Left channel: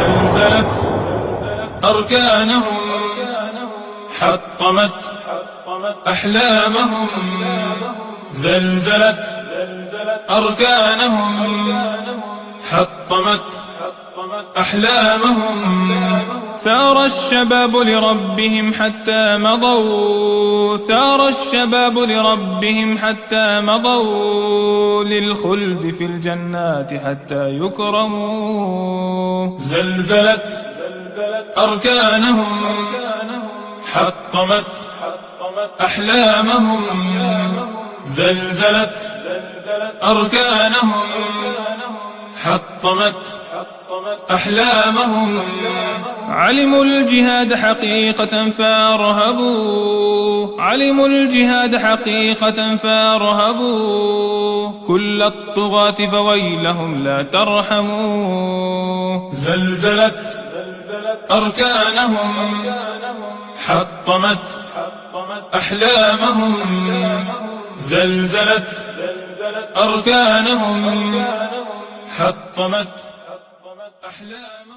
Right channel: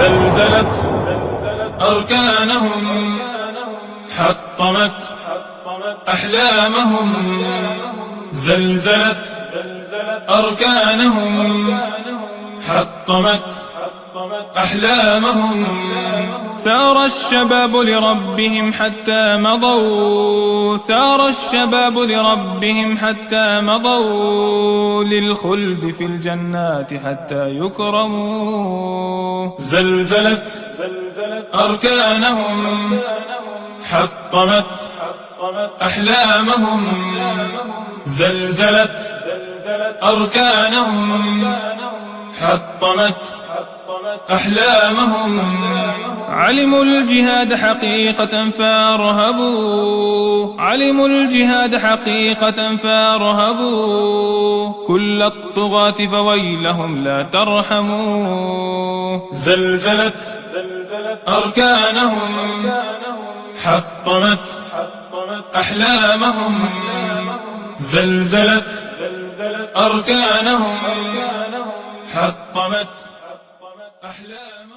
زلزلت أركانهم، حطمت أحلامهم. زلزلت أركانهم، حطمت أحلامهم. ثار الشباب لربهم حتى مضوا، ثار الشباب لربهم حتى مضوا، للخلد في الجنات حتى يكرموا. زلزلت أركانهم، حطمت أحلامهم. زلزلت أركانهم، حطمت أحلامهم. علموا الجهاد حقيقة فارهبوا، علموا الجهاد حقيقة فارهبوا، كل الطغاة فويلهم لا ترحموا. زلزلت أركانهم، حطمت أحلامهم. زلزلت أركانهم، حطمت أحلامهم.